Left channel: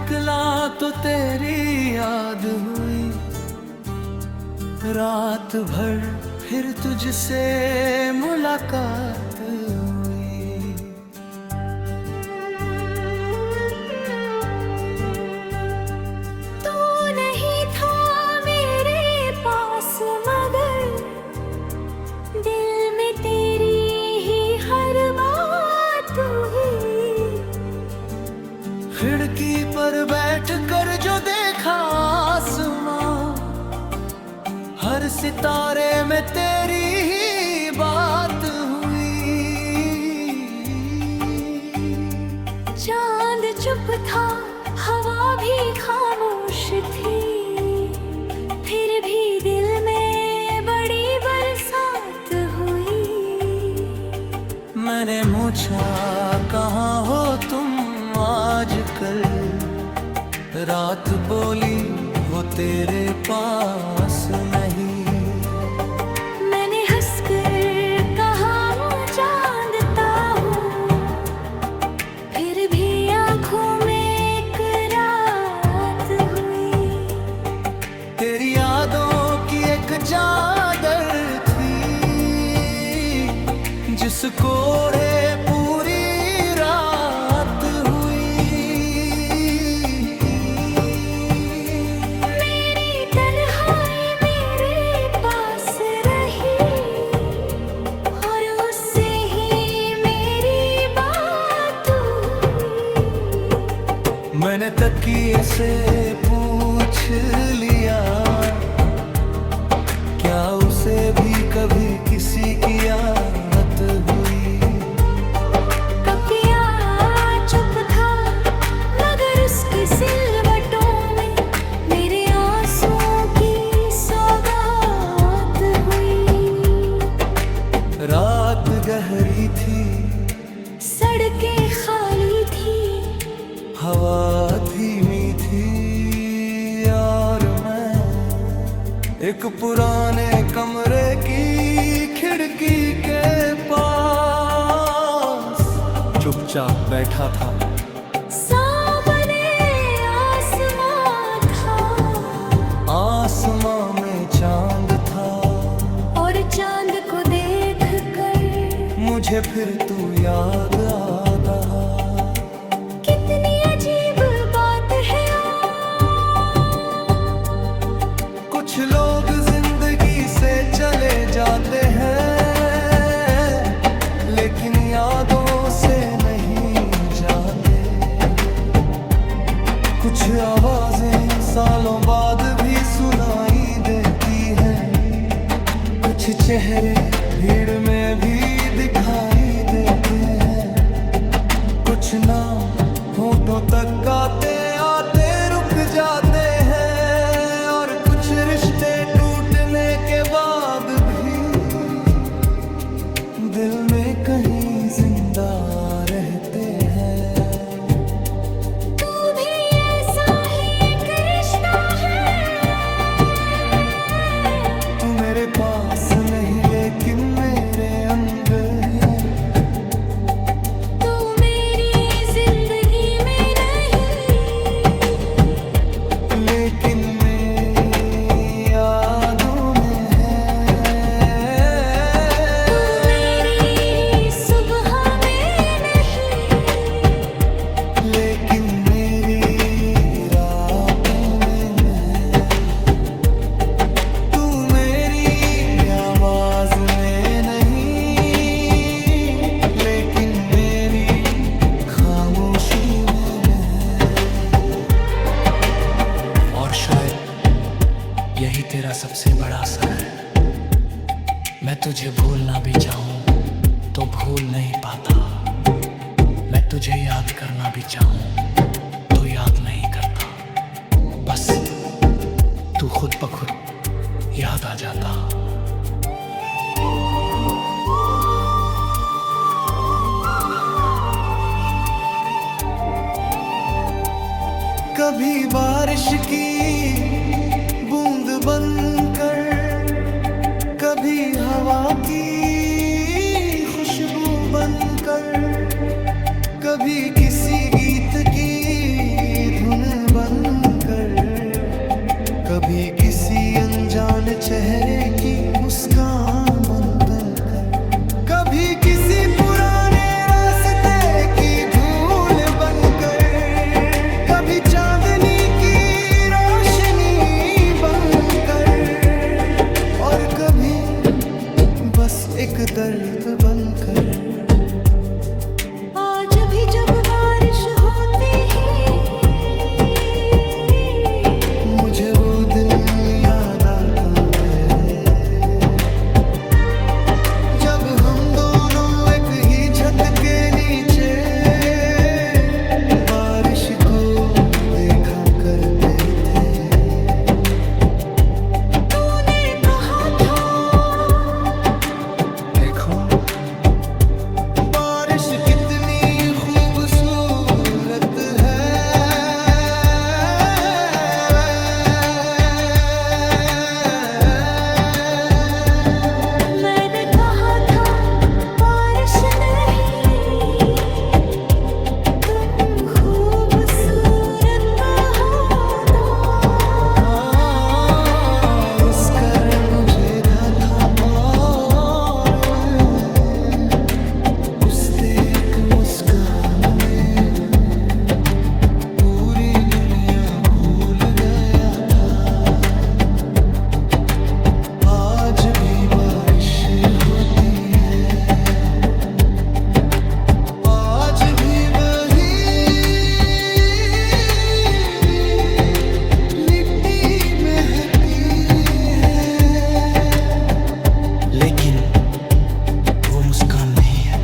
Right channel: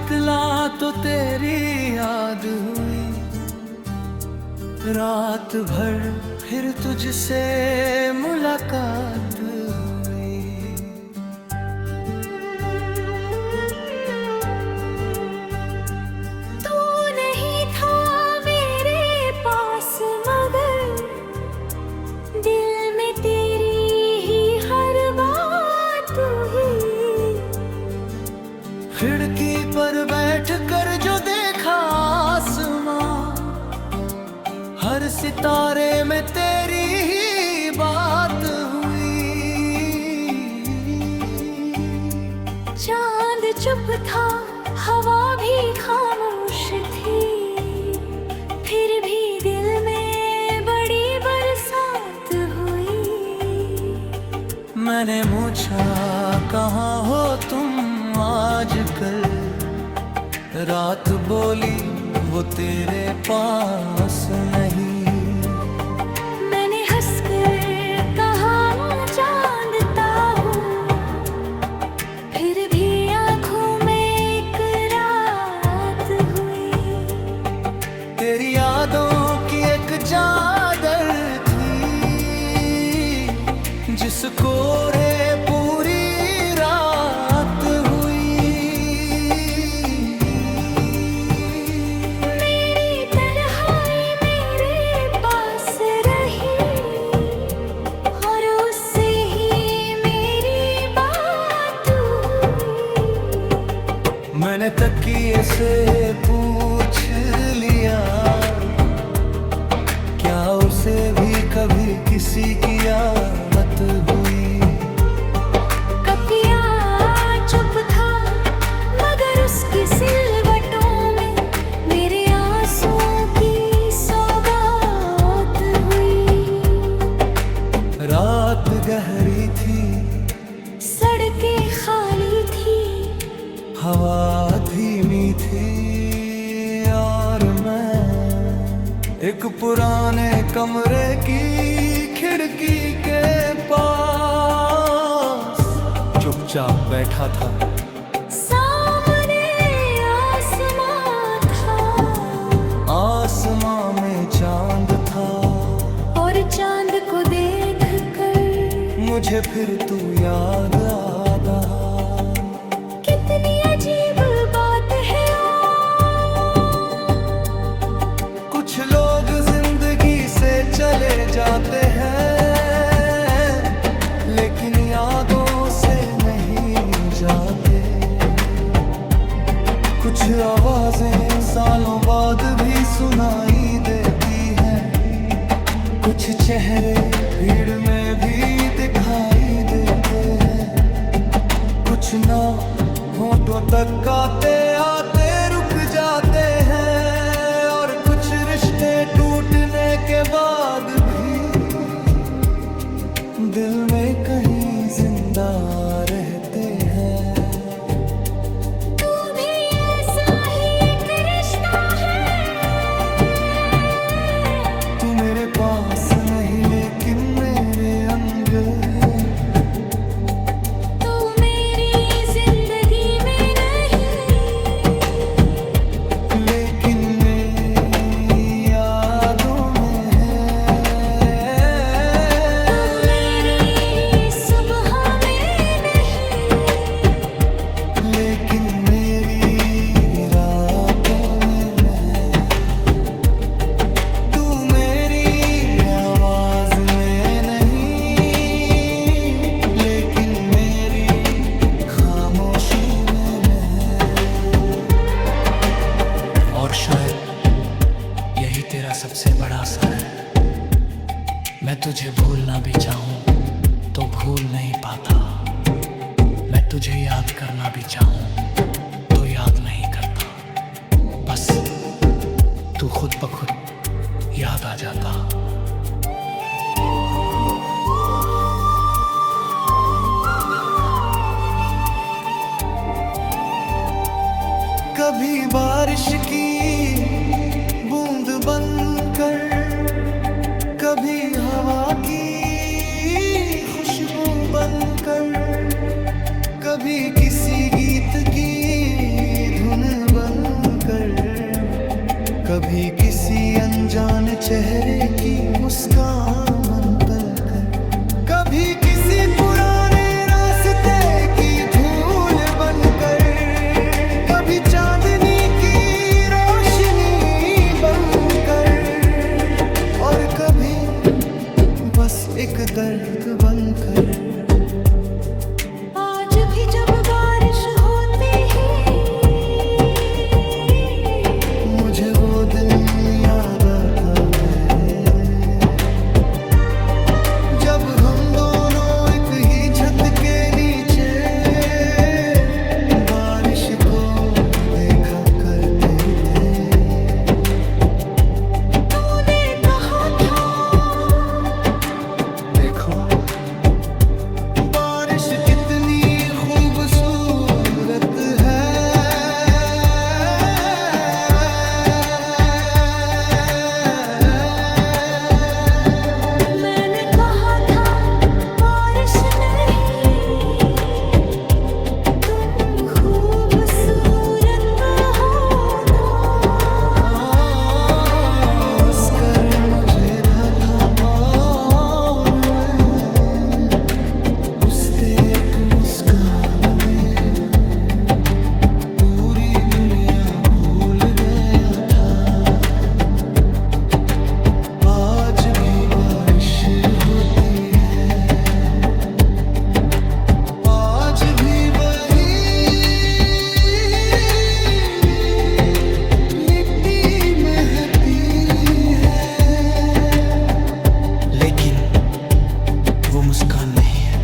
निकला तो तेरी याद हुई, रात भर फिर तुझसे मुलाकात हुई। तू नहीं था मेरे पास मगर दिल में तेरी ही हर बात हुई। खिड़की पर बैठ कर जो देखा आसमां, हर सितारे में तेरी ही बात हुई। चांद चुप था, हवा भी खामोश थी, फिर भी दिल में बड़ी बरसात हुई। मैंने पूछा कहाँ हो तुम आजकल, रात बोली वो तेरे पास नहीं। मैंने हंसकर कहा मैं जानता हूँ, फिर भी आँखों में एक रात हुई। तेरी यादों की एक चादर थी, जिसको रे पूरी रात हुई। मैंने तकिए से पूछ लिया, क्या उसे भी कभी किसी की याद हुई। कपिया चुप था मगर उसकी सिलवटों में मेरे आंसुओं की सौगात हुई। रात गहरी थी, सड़कें खाली थी, हवा धीमी थी, और मैं एक पुराने कमरे की खिड़की के पास चुपचाप बैठा था। सामने आसमां था, आसमां में चांद था, और चांद को देखकर मुझे फिर तू याद आता। कितनी अजीब बात है। कुछ लोग जिंदगी से चले जाते हैं, लेकिन यादों से नहीं जाते। कुछ आवाजें सालों बाद भी सुनाई देती हैं, कुछ चेहरे भीड़ में भी दिखाई देते हैं, कुछ नाम होठों तक आते आते रुक जाते हैं, और कुछ रिश्ते टूटने के बाद भी दिल में कहीं जिंदा रहते हैं। तू भी ऐसा ही एक रिश्ता है। तू मेरे पास नहीं लेकिन मेरे अंदर है। तू मेरी जिंदगी में नहीं, लेकिन मेरी यादों में है। तू मेरी सुबह में नहीं, लेकिन मेरी रातों में है। तू मेरी आवाज में नहीं, लेकिन मेरी खामोशी में है। और शायद यही तेरा सबसे बड़ा असर है। मैं तुझे भूलना भी चाहूं तो भूल नहीं पाता, मैं तुझे याद करना भी चाहूं तो याद नहीं करता। बस तू खुद ब खुद याद आ जाता। कभी बारिश की बूंद बनकर, कभी हवा की खुशबू बनकर, कभी किसी गीत की धुन बनकर, कभी किसी अनजान चेहरे की मुस्कान बनकर कर, कभी किसी पुराने रास्ते की धूल बनकर, कभी चांदनी की रोशनी बनकर, और कभी बस एक दर्द बनकर। आज भी जब बारिश होती है मुझे वो दिन याद आता है, जब हम दोनों एक ही छत के नीचे बारिश को देखा करते थे। तूने कहा था देखो बारिश कितनी खूबसूरत है, मैंने कहा था बारिश नहीं तुम खूबसूरत हो तो। मुस्कर मुझे था और मैं उस एक मुस्कान में पूरी दुनिया भूल गया था। आज भी बारिश होती है, आज भी वही मिट्टी महकती है, लेकिन वो मुस्कान नहीं है,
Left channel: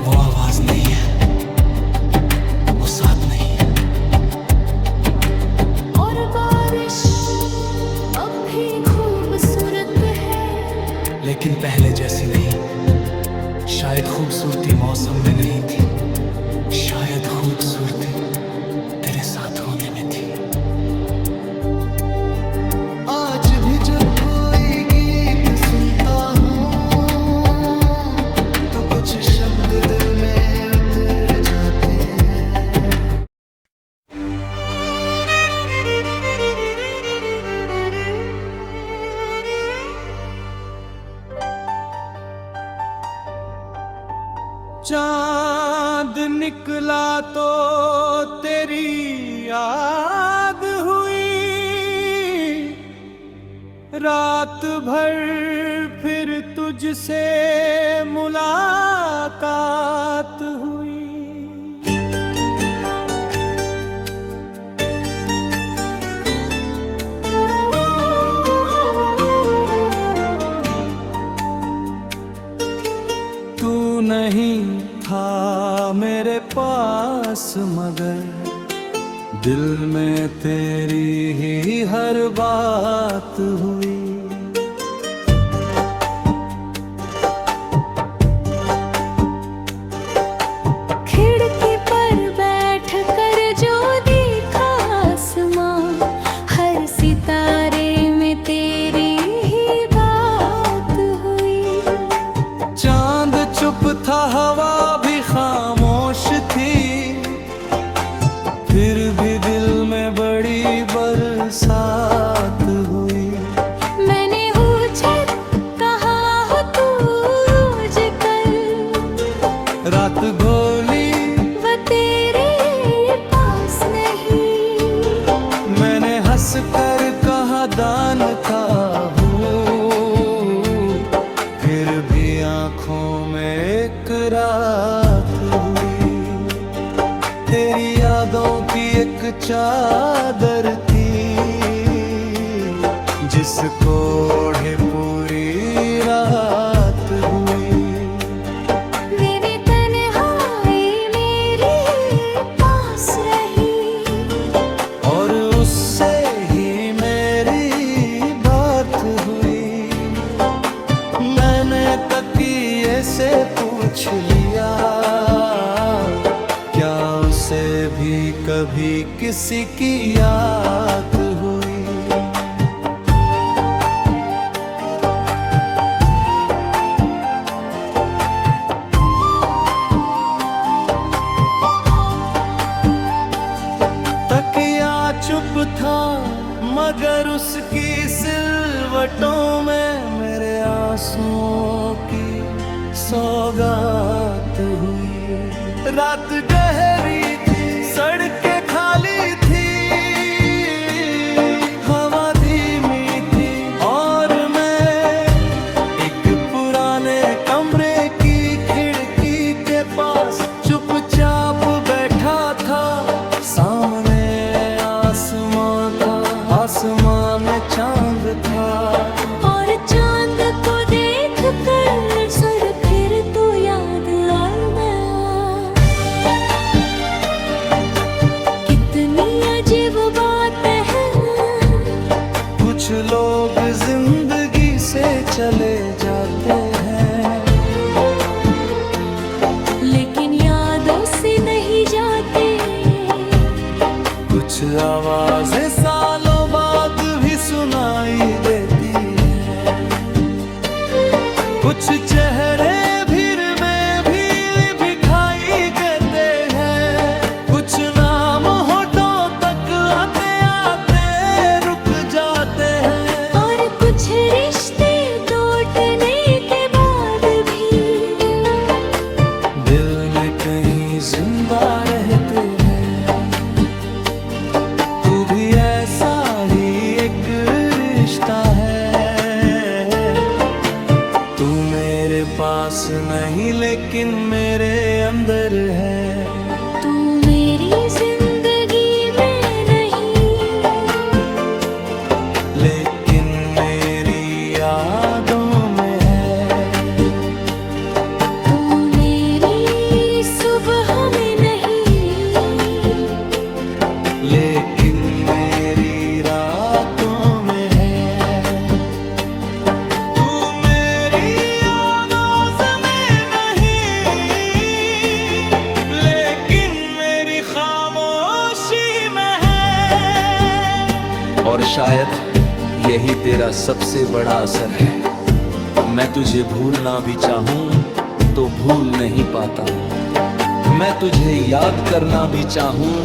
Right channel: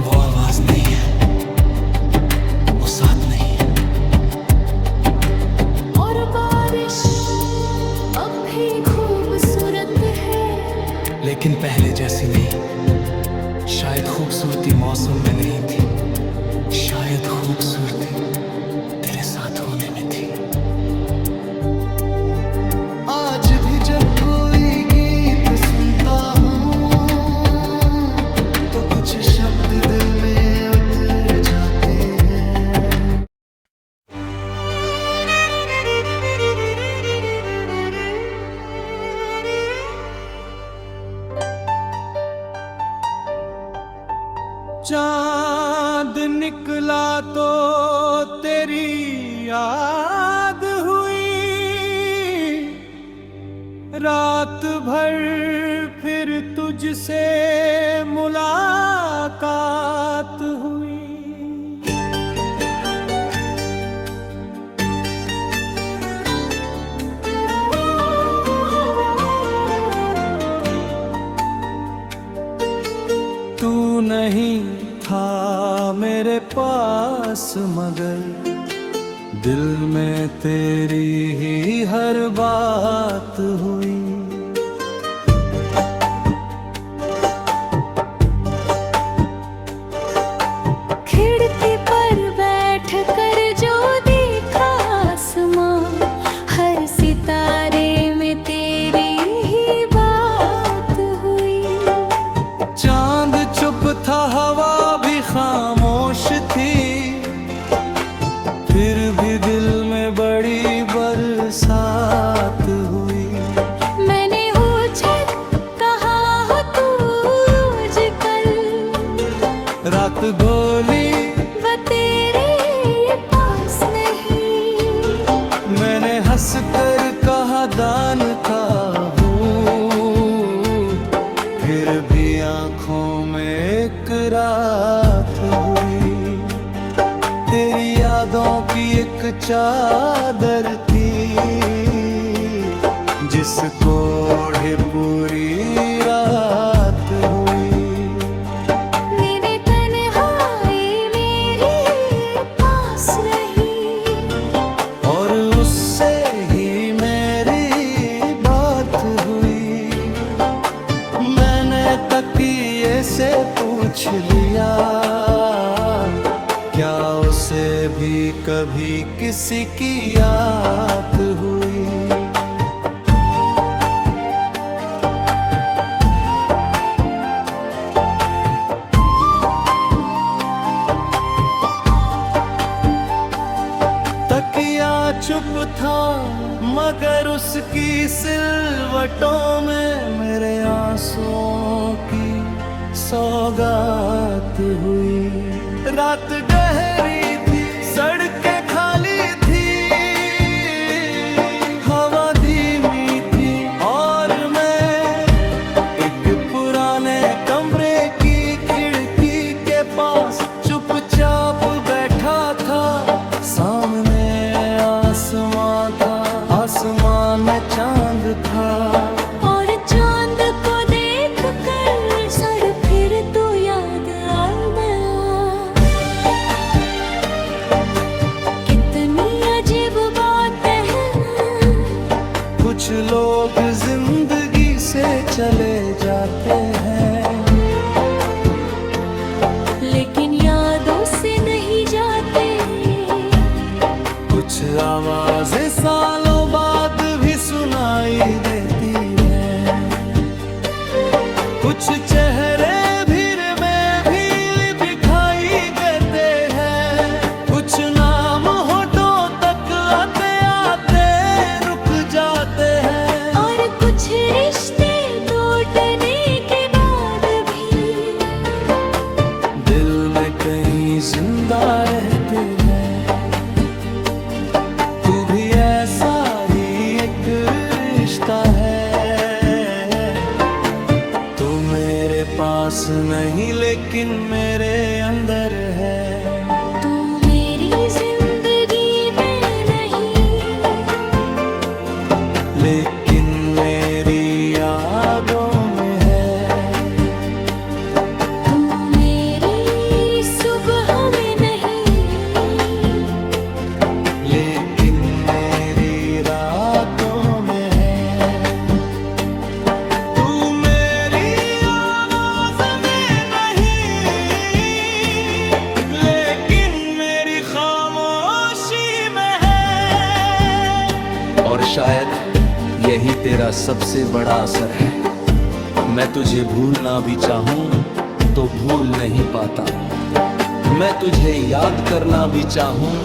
वो आवाज नहीं है, वो साथ नहीं है। और बारिश अब भी खूबसूरत है, लेकिन पहले जैसी नहीं। शायद खूबसूरती मौसम में नहीं थी, शायद खूबसूरती तेरे साथ होने में थी। आज भी जब कोई गीत सुनता हूँ तो कुछ शब्द दिल में उतर जाते हैं। चांद निकला तो तेरी याद हुई, रात भर फिर तुझसे मुलाकात हुई। तू नहीं था मेरे पास मगर दिल में तेरी ही हर बात हुई। खिड़की पर बैठ कर जो देखा आसमां, हर सितारे में तेरी ही बात हुई। चांद चुप था, हवा भी खामोश थी, फिर भी दिल में बड़ी बरसात हुई। मैंने पूछा कहाँ हो तू आजकल, रात गोली वो तेरे पास नहीं। मैंने हंस कर कहा दान था हूँ, फिर भी आंखों में एक रात हुई। तेरी यादों की एक चादर थी, जिसको ओढ़े पूरी रात हुई। मेरे तन्हाई मेरे पास रही, और उससे ही मेरी बात हुई। मैंने तकिए से पूछ लिया, क्या उसे भी कभी किसी की याद हुई। चुप था, मगर उसकी सिलवटों में मेरे आंसुओं की सौगात हुई। रात गहरी थी, सड़कें खाली थी, हवा धीमी थी और मैं एक पुराने कमरे की खिड़की के पास चुपचाप बैठा था। सामने आसमां था, आसमां में चांद था, और चांद को देख कर सड़ फिर तो याद आया। कितनी अजीब बात है ना, कुछ लोग जिंदगी से चले जाते हैं, लेकिन यादों से नहीं जाते। कुछ आवाजें सालों बाद भी सुनाई देती हैं, कुछ चेहरे भीड़ में भी दिखाई देते हैं, कुछ नाम होठों तक आते आते रुक जाते हैं, और कुछ रिश्ते टूटने के बाद भी दिल में कहीं जिंदा रहते हैं। तू भी ऐसा ही एक रिश्ता है, तू मेरे पास नहीं लेकिन मेरे अंदर है। तू मेरी जिंदगी में नहीं, लेकिन मेरी यादों में है। तू मेरी सुबह में नहीं, लेकिन मेरी रातों में है। तू मेरी आवाज में नहीं, लेकिन मेरी खामोशी में है। और शायद यही तेरा सबसे बड़ा असर है। मैं तुझे भूलना भी चाहूं तो भूल नहीं पाता, मैं तुझे याद करना भी चाहूं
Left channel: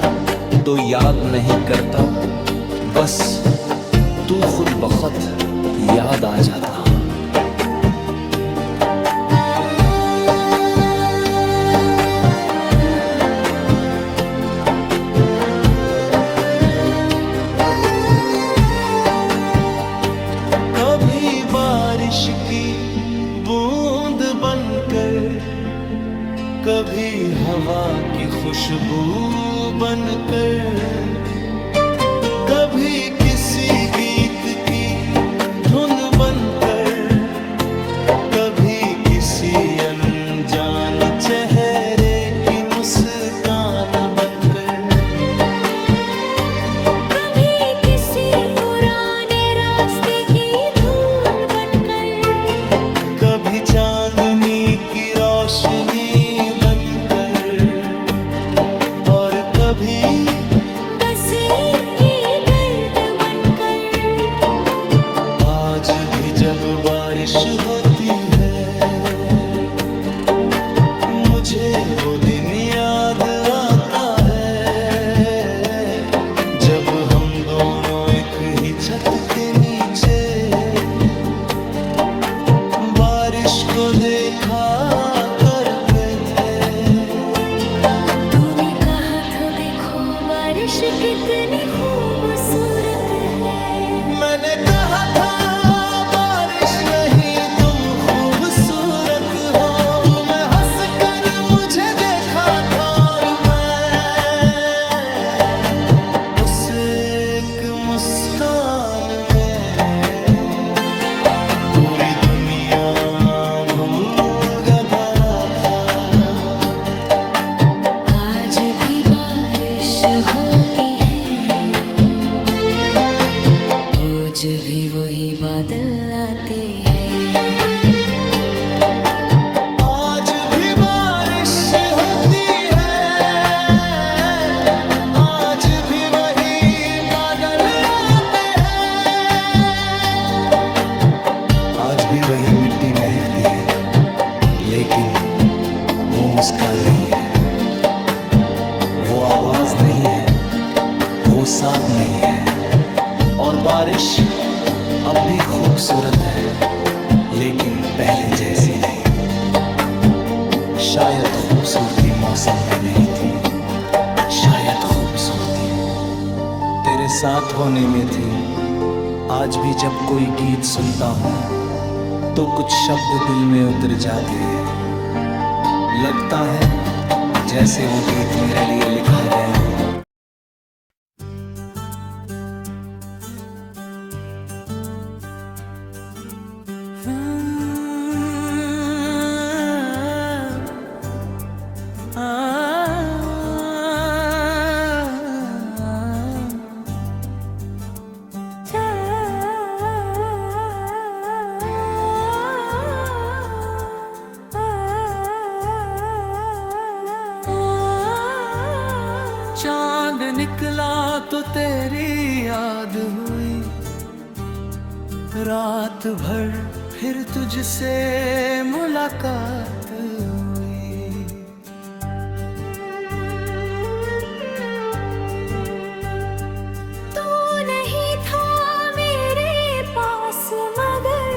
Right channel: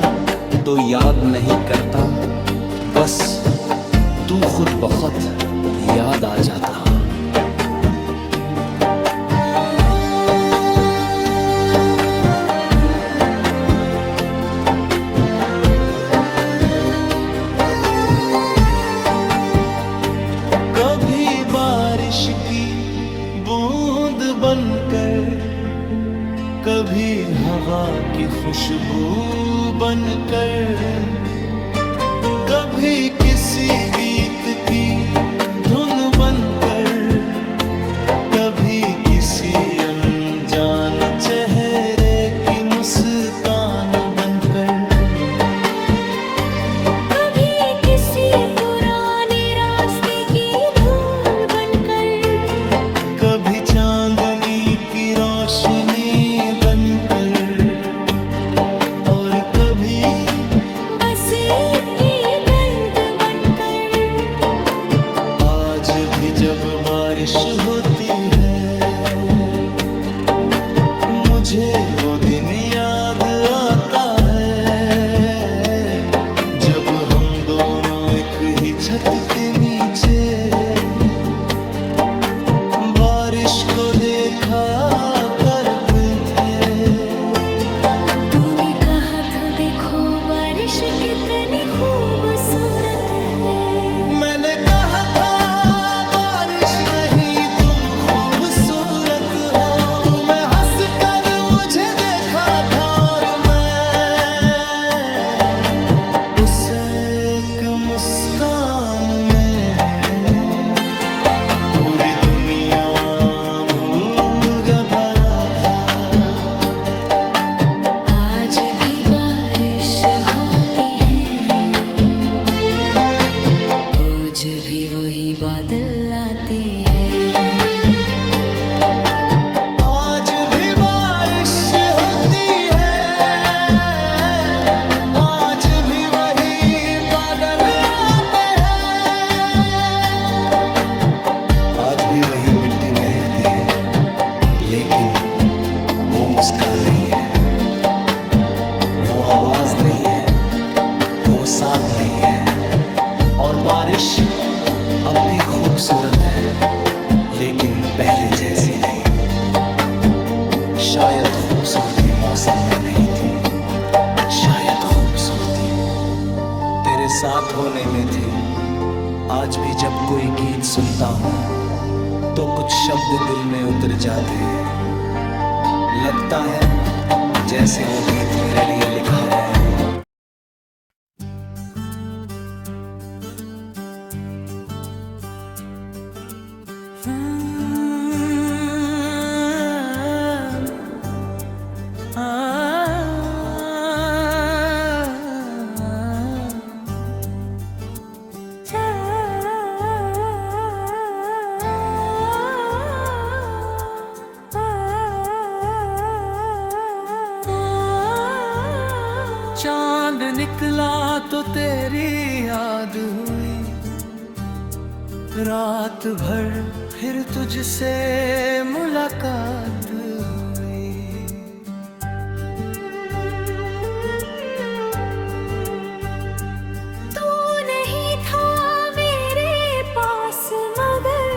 तो याद नहीं करता, बस तू खुद बखुद याद आ जाता। कभी बारिश की बूंद बनकर, कभी हवा की खुशबू बनकर, कभी किसी गीत की धुन बनकर, कभी किसी अनजान चेहरे की मुस्कान बनकर, कभी किसी पुराने रास्ते की धूल बनकर, कभी चांदनी की रोशनी बनकर, और कभी बस की गर्द बनकर। आज भी जब बारिश होती है, मुझे वो दिन याद आता है, जब हम दोनों एक ही छत के नीचे बारिश को देखा करते थे। तूने कहा था देखो बारिश कितनी खूबसूरत है, मैंने कहा था बारिश नहीं तुम खूबसूरत हो। तुम्हें हंस कर मुझे देखा था और मैं उस एक मुस्कान में पूरी दुनिया भूल भरा था। आज भी बारिश होती है, रोज भी वही बादल आते हैं। आज भी बारिश होती है, आज भी वही बादल आते हैं। आज भी वही मिट्टी महकती है, लेकिन वो मुस्कान नहीं है, वो आवाज नहीं है, वो साथ नहीं है। और बारिश अब भी खूबसूरत है, लेकिन पहले जैसी नहीं। शायद खूबसूरती मौसम में नहीं थी, शायद खूबसूरती तेरे साथ होने में थी। आज भी जब कोई गीत सुनता हूँ तो कुछ शब्द दिल में उतर जाते हैं। लगता है जैसे वो गीत मेरे लिए लिखा गया हो। चांद निकला तो तेरी याद हुई, रात भर फिर तुझसे मुलाकात हुई। तू नहीं था मेरे पास मगर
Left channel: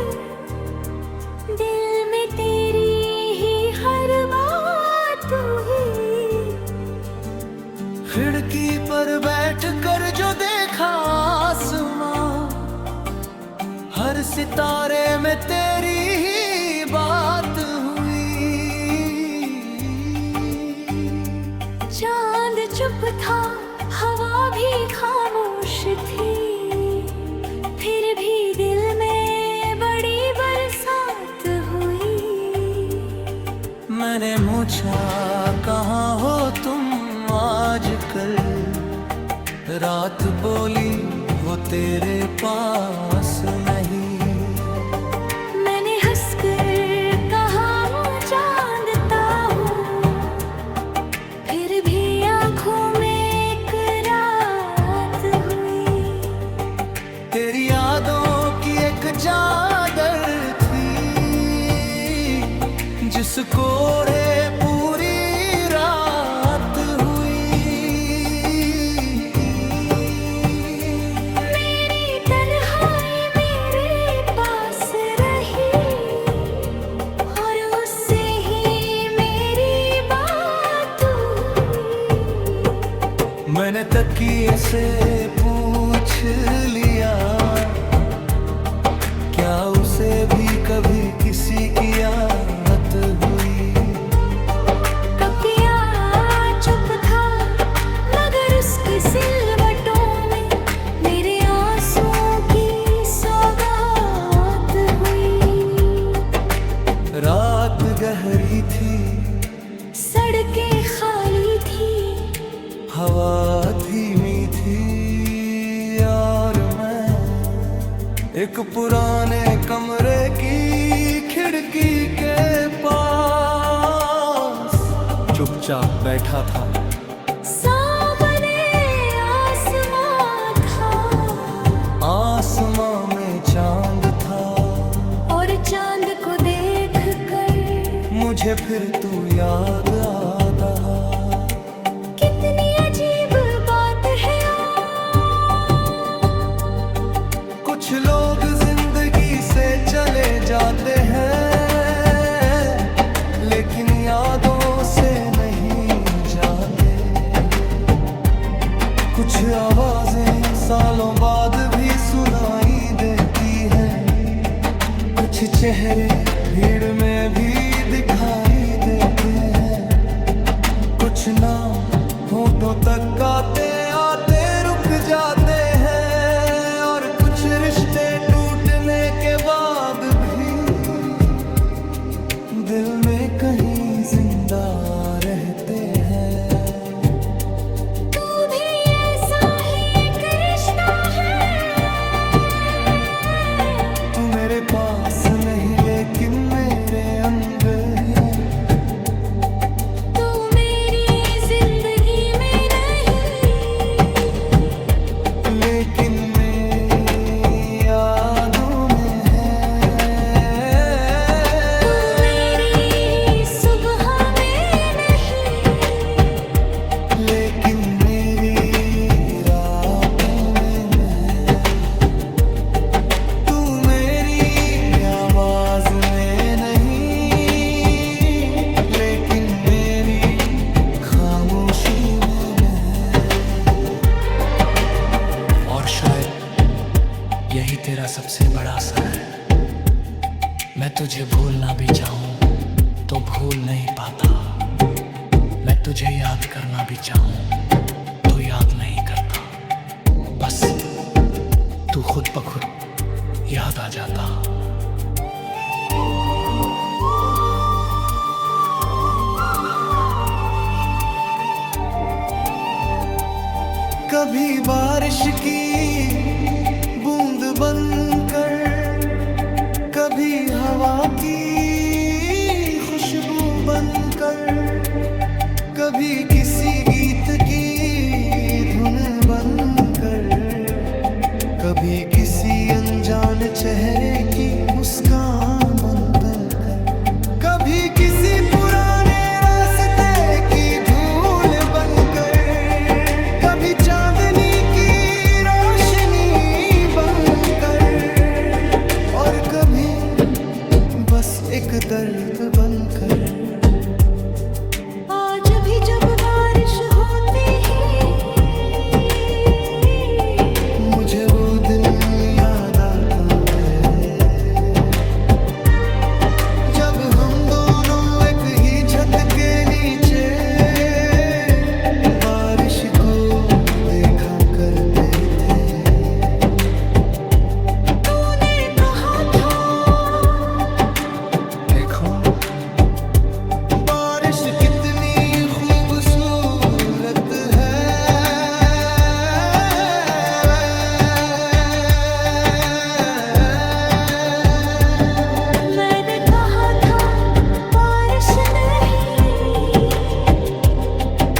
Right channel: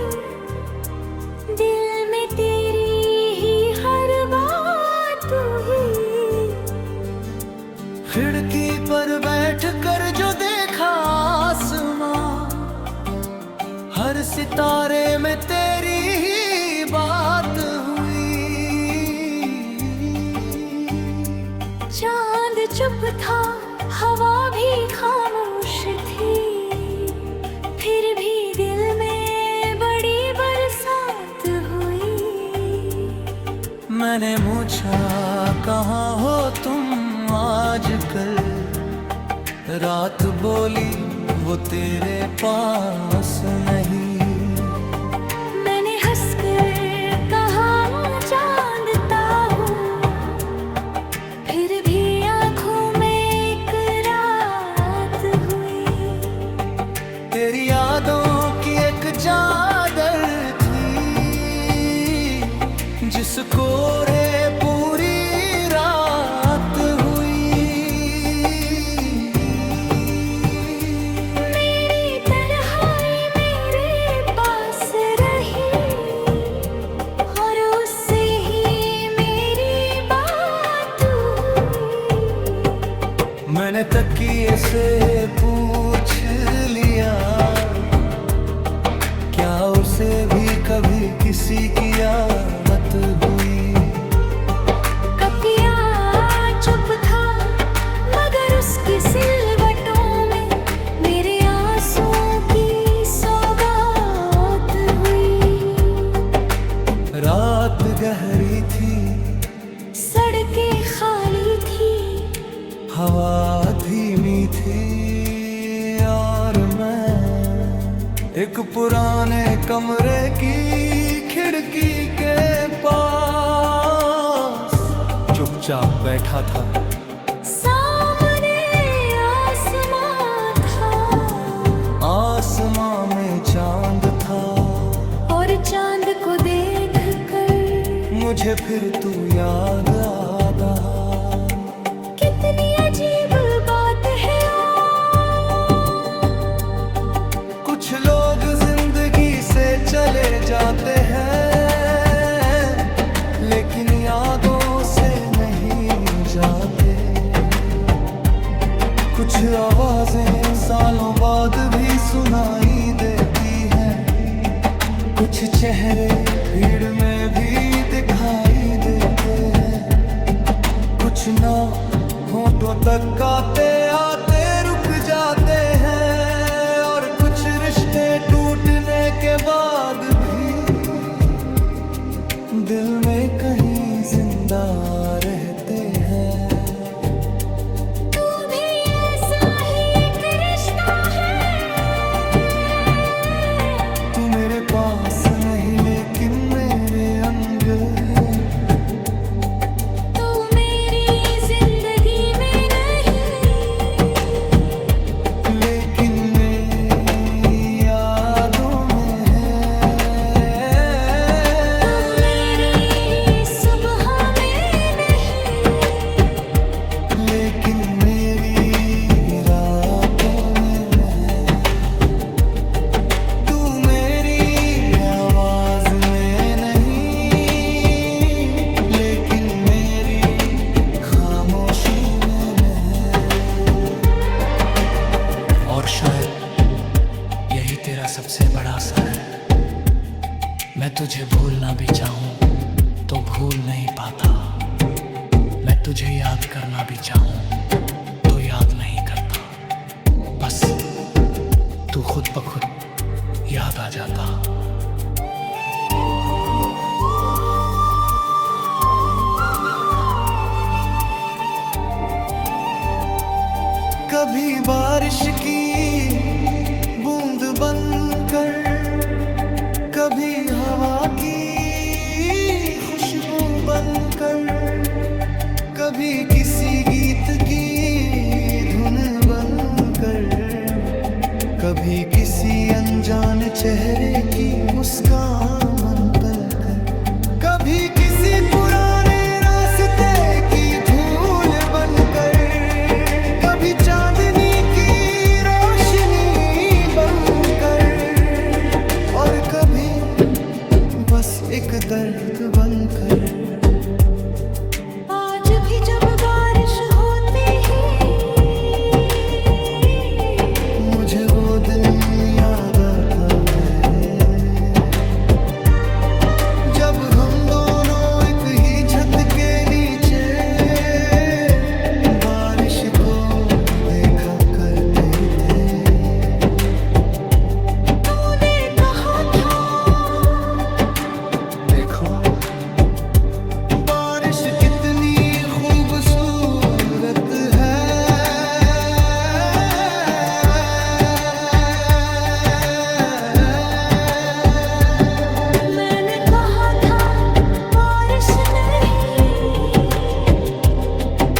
दिल में तेरी ही हर बात हुई। खिड़की पर बैठ कर जो देखा आसमां, हर सितारे में तेरी ही बात हुई। चांद चुप था, हवा भी खामोश थी, फिर भी दिल में बड़ी बरसात हुई। मैंने पूछा कहाँ हो तुम आजकल, रात बोली वो तेरे पास नहीं। मैंने हंसकर कहा हूँ जानता हूँ, फिर भी आँखों में एक रात हुई। तेरी यादों की एक चादर थी, जिसको रे पूरी रात हुई। मेरी तन्हाई मेरे पास रही, और उससे ही मेरी बात हुई। मैंने तकिए से पूछ लिया, क्या उसे भी कभी किसी की याद हुई। कपिया चुप था, मगर उसकी सिलवटों में मेरे आंसुओं की सौगात हुई। रात गहरी थी, सड़कें खाली थी, हवा धीमी थी, और मैं एक पुराने कमरे की खिड़की के पास चुपचाप बैठा था। सामने आसमां था, आसमां में चांद था, और चांद को देखकर मुझे फिर तू याद आता। कितनी अजीब बात है। कुछ लोग जिंदगी से चले जाते हैं, लेकिन यादों से नहीं जाते। कुछ आवाजें सालों बाद भी सुनाई देती है, कुछ चेहरे भीड़ में भी दिखाई देते हैं। कुछ नाम होठों तक आते आते रुक जाते हैं, और कुछ रिश्ते टूटने के बाद भी दिल में कहीं जिंदा रहते हैं। तू भी ऐसा ही एक रिश्ता है। तू मेरे पास नहीं लेकिन मेरे अंग है। तू मेरी जिंदगी में नहीं, लेकिन मेरी यादों में है। तू मेरी सुबह में नहीं, लेकिन मेरी रात सबसे बड़ा असर है। मैं तुझे भूलना भी चाहूं तो भूल नहीं पाता। मैं तुझे याद करना भी चाहूं तो याद नहीं करता। बस तू खुद ब खुद याद आ जाता। कभी बारिश की बूंद बनकर, कभी हवा की खुशबू बनकर, कभी किसी गीत की धुन बनकर, कभी किसी अनजान चेहरे की मुस्कान बनकर, कभी किसी पुराने रास्ते की धूल बनकर, कभी चांदनी की रोशनी बनकर, और कभी बस एक दर्द बनकर। आज भी जब बारिश होती है मुझे वो दिन याद आता है, जब हम दोनों एक ही छत के नीचे बारिश को देखा करते थे। तूने कहा था देखो बारिश कितनी खूबसूरत है। मैंने कहा था बारिश नहीं,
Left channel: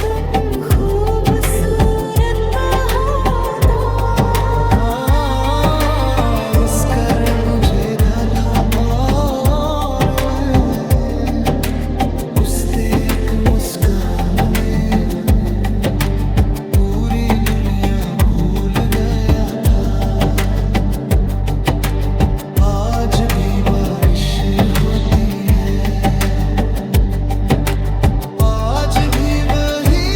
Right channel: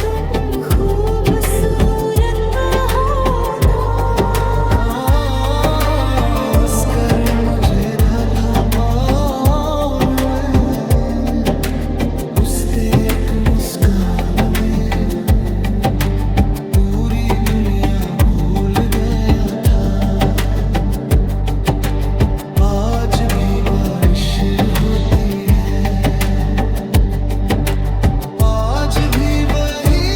तुम खूबसूरत हो तो। उसकर मुझे था और मैं उस एक मुस्कान में पूरी दुनिया भूल गया था। आज भी बारिश होती है, आज भी वही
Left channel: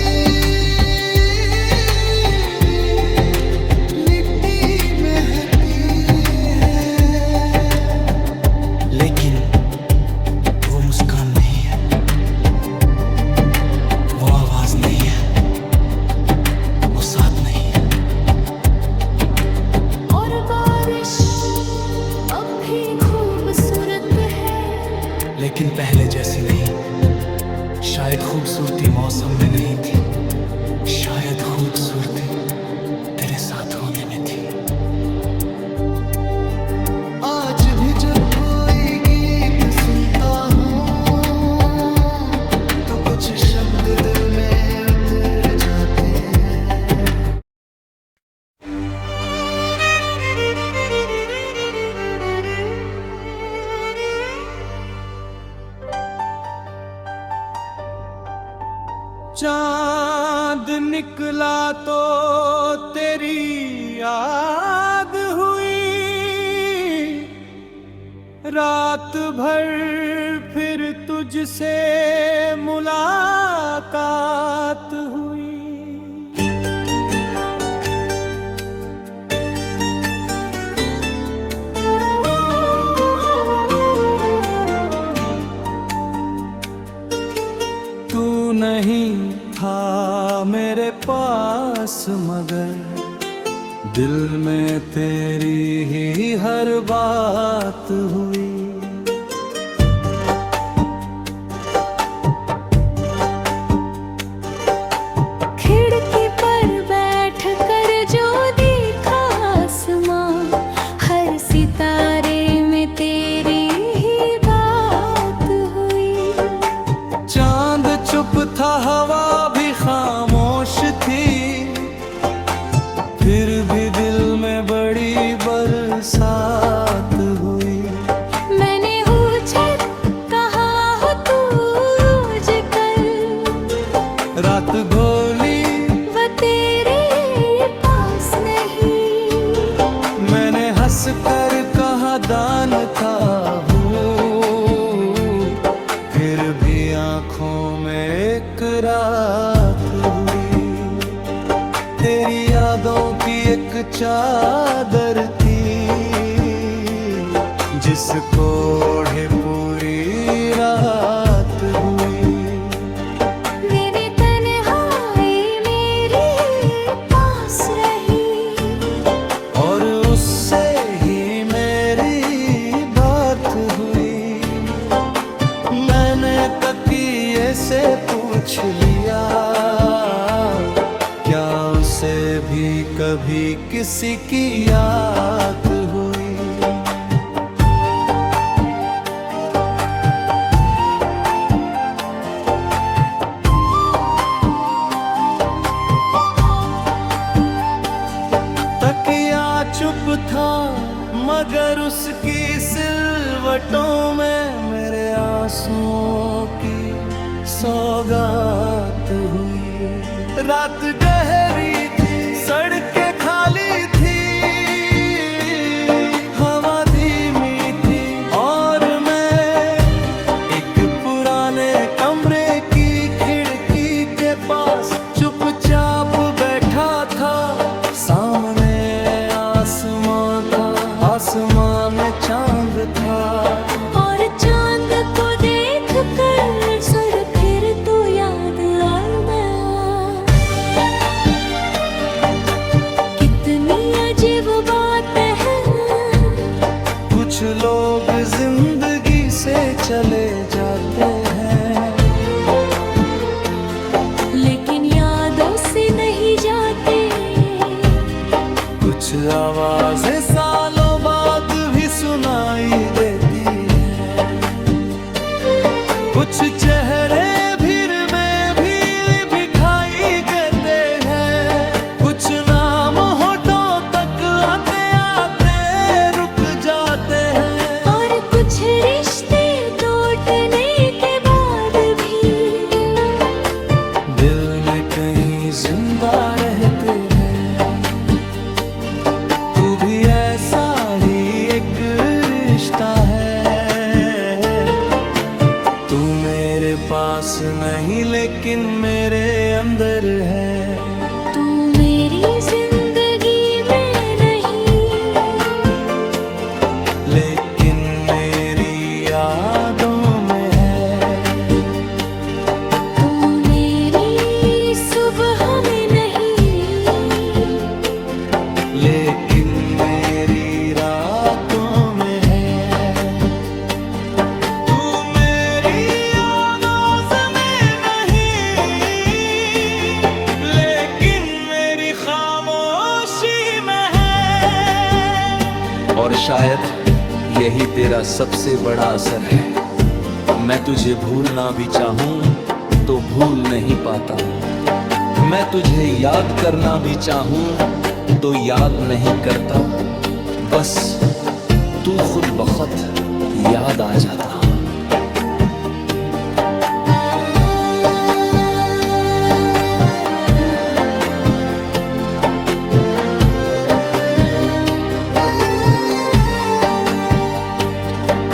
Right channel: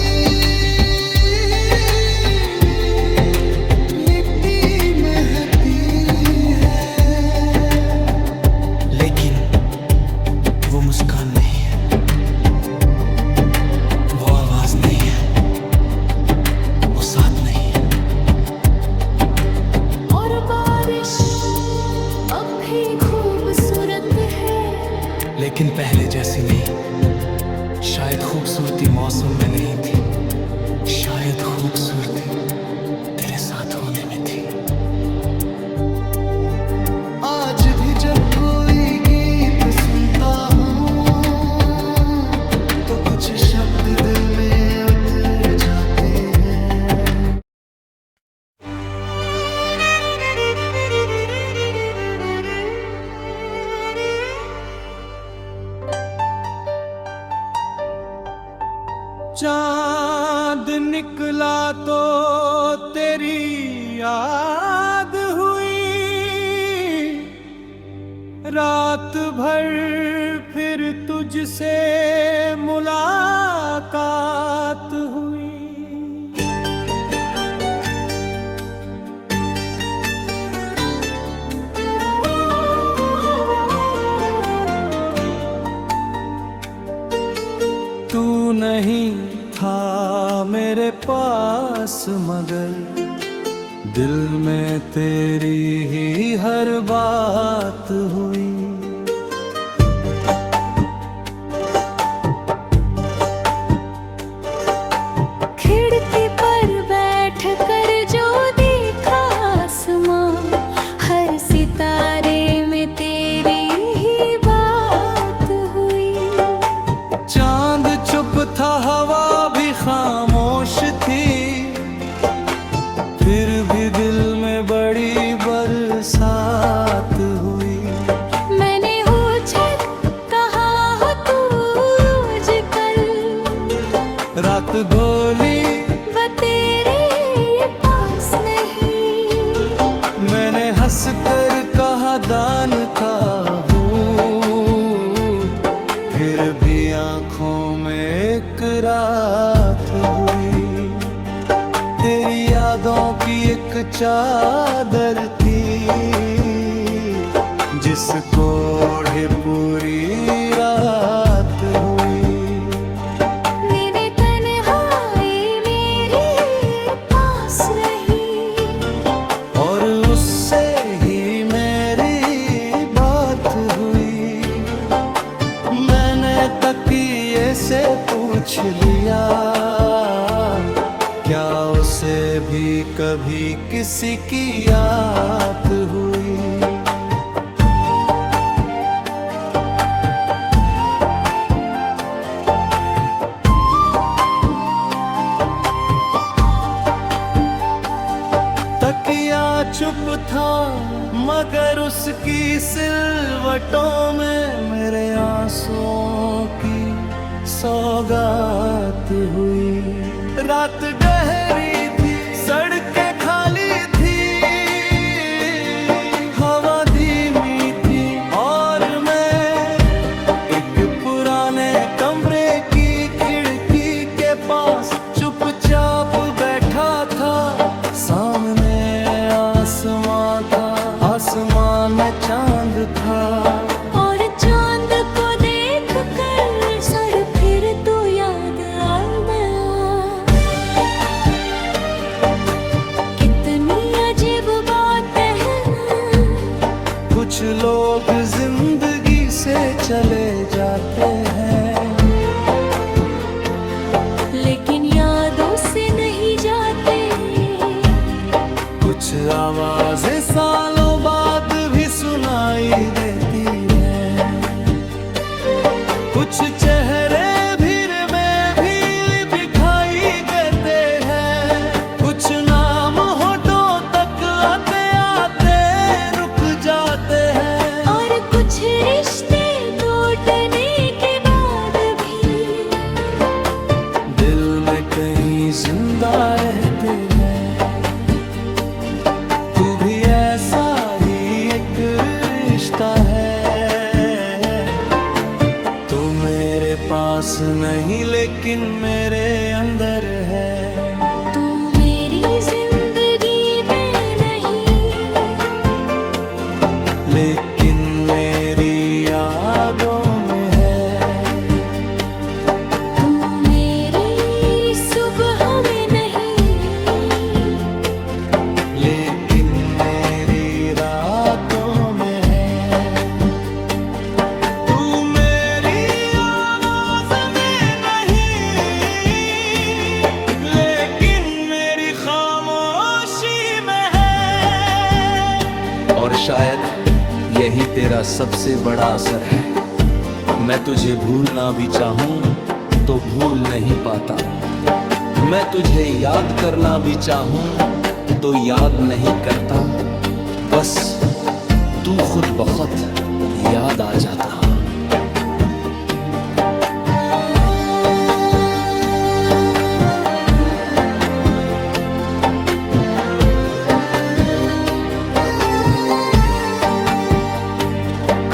लिट्टी महकती है। लेकिन वो मुस्कान नहीं है, वो आवाज नहीं है, वो साथ नहीं है। और बारिश अब भी खूबसूरत है, लेकिन पहले जैसी नहीं। शायद खूबसूरती मौसम में नहीं थी, शायद खूबसूरती तेरे साथ होने में थी। आज भी जब कोई गीत सुनता हूँ तो कुछ शब्द दिल में उतर जाते हैं। चांद निकला तो तेरी याद हुई, रात भर फिर तुझसे मुलाकात हुई। तू नहीं था मेरे पास मगर दिल में तेरी ही हर बात हुई। खिड़की पर बैठ कर जो देखा आसमां, हर सितारे में तेरी ही बात हुई। चांद चुप था, हवा भी खामोश थी, फिर भी दिल में बड़ी बरसात हुई। मैंने पूछा कहाँ हो तू आजकल, रात गोली वो तेरे पास नहीं। मैंने हंस कर कहा दान था हूँ, फिर भी आंखों में एक रात हुई। तेरी यादों की एक चादर थी, जिसको ओढ़े पूरी रात हुई। मेरे तन्हाई मेरे पास रही, और उससे ही मेरी बात हुई। मैंने तकिए से पूछ लिया, क्या उसे भी कभी किसी की याद हुई। तकिया चुप था मगर उसकी सिलवटों में मेरे आंसुओं की सौगात हुई। रात गहरी थी, सड़कें खाली थी, हवा धीमी थी और मैं एक पुराने कमरे की खिड़की के पास चुपचाप बैठा था। सामने आसमां था, आसमां में चांद था, और चांद को देख कर सड़ फिर तो याद और मैं। कितनी अजीब बात है ना, कुछ लोग जिंदगी से चले जाते हैं, लेकिन यादों से नहीं जाते। कुछ आवाजें सालों बाद भी सुनाई देती हैं, कुछ चेहरे भीड़ में भी दिखाई देते हैं, कुछ नाम होठों तक आते आते रुक जाते हैं, और कुछ रिश्ते टूटने के बाद भी दिल में कहीं जिंदा रहते हैं। तू भी ऐसा ही एक रिश्ता है, तू मेरे पास नहीं लेकिन मेरे अंदर है। तू मेरी जिंदगी में नहीं, लेकिन मेरी यादों में है। तू मेरी सुबह में नहीं, लेकिन मेरी रातों में है। तू मेरी आवाज में नहीं, लेकिन मेरी खामोशी में है। और शायद यही तेरा सबसे बड़ा असर है। मैं तुझे भूलना भी चाहूं तो भूल नहीं पाता, मैं तुझे याद करना भी चाहूं तो याद नहीं करता, बस तू खुद बखुद याद आ जाता।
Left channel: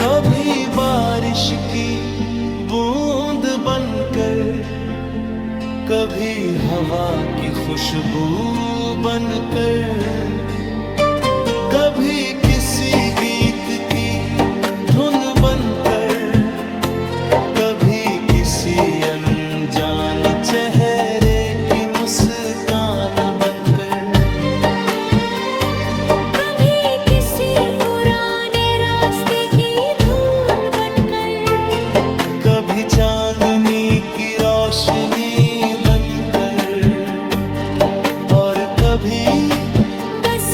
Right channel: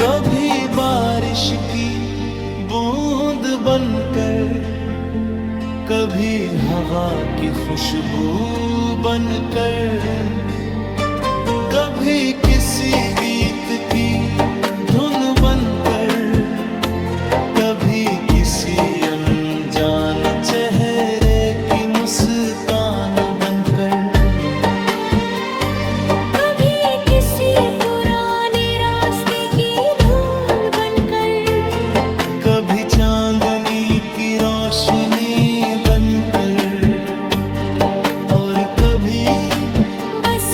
कभी बारिश की बूंद बनकर, कभी हवा की खुशबू बनकर, कभी किसी गीत की धुन बनकर, कभी किसी अनजान चेहरे की मुस्कान बनकर, कभी किसी पुराने रास्ते की धूल बनकर, कभी चांदनी की रोशनी बनकर, और कभी बस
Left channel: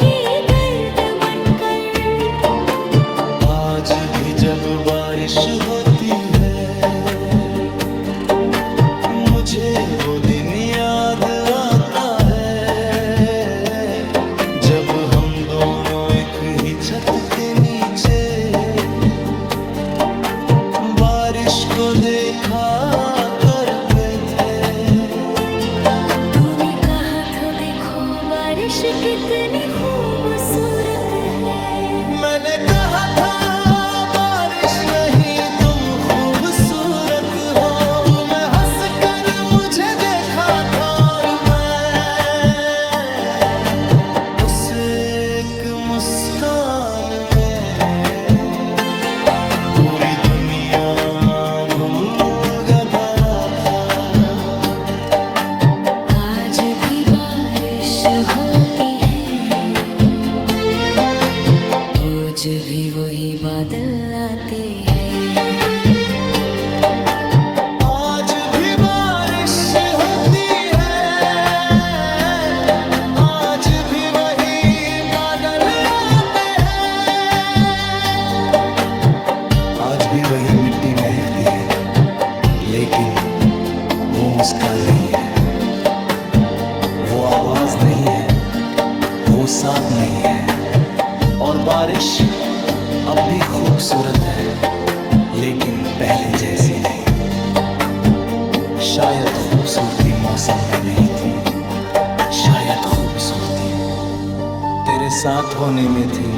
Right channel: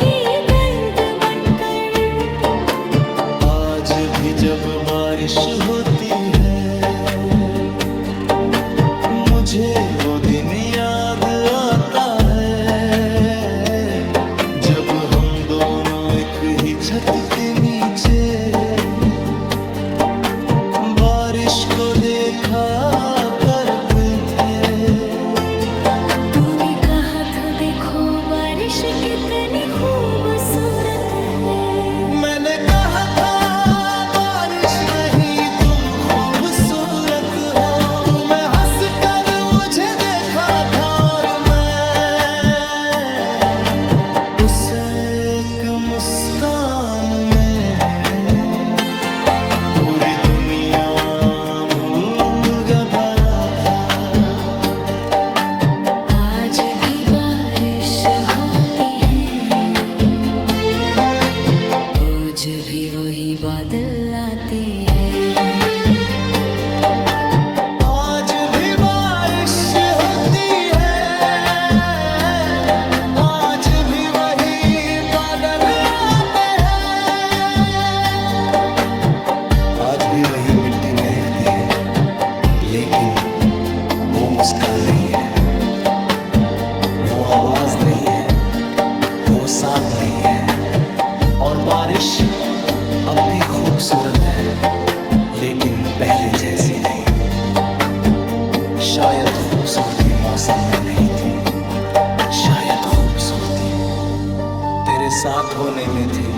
की गर्द बनकर। आज भी जब बारिश होती है, मुझे वो दिन याद आता है, जब हम दोनों एक ही छत के नीचे बारिश को देखा करते थे। तूने कहा था देखो बारिश कितनी खूबसूरत है, मैंने कहा था बारिश नहीं तुम खूबसूरत हो। तुम्हें हंस कर मुझे देखा था और मैं उस एक मुस्कान में बारिश होती है, रोज भी वही बादल आते हैं। आज भी बारिश होती है, आज भी वही बादल आते हैं। आज भी वही मिट्टी महकती है, लेकिन वो मुस्कान नहीं है, वो आवाज नहीं है, वो साथ नहीं है। और बारिश अब भी खूबसूरत है, लेकिन पहले जैसी नहीं। शायद खूबसूरती मौसम में नहीं थी, शायद खूबसूरती तेरे साथ होने में थी।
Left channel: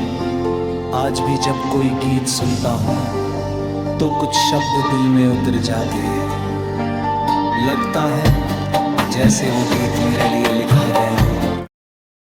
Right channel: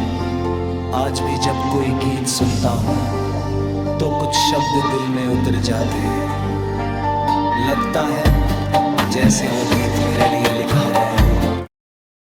आज भी जब कोई गीत सुनता हूँ तो कुछ शब्द दिल में उतर जाते हैं। लगता है जैसे वो गीत मेरे लिए लिखा गया हो।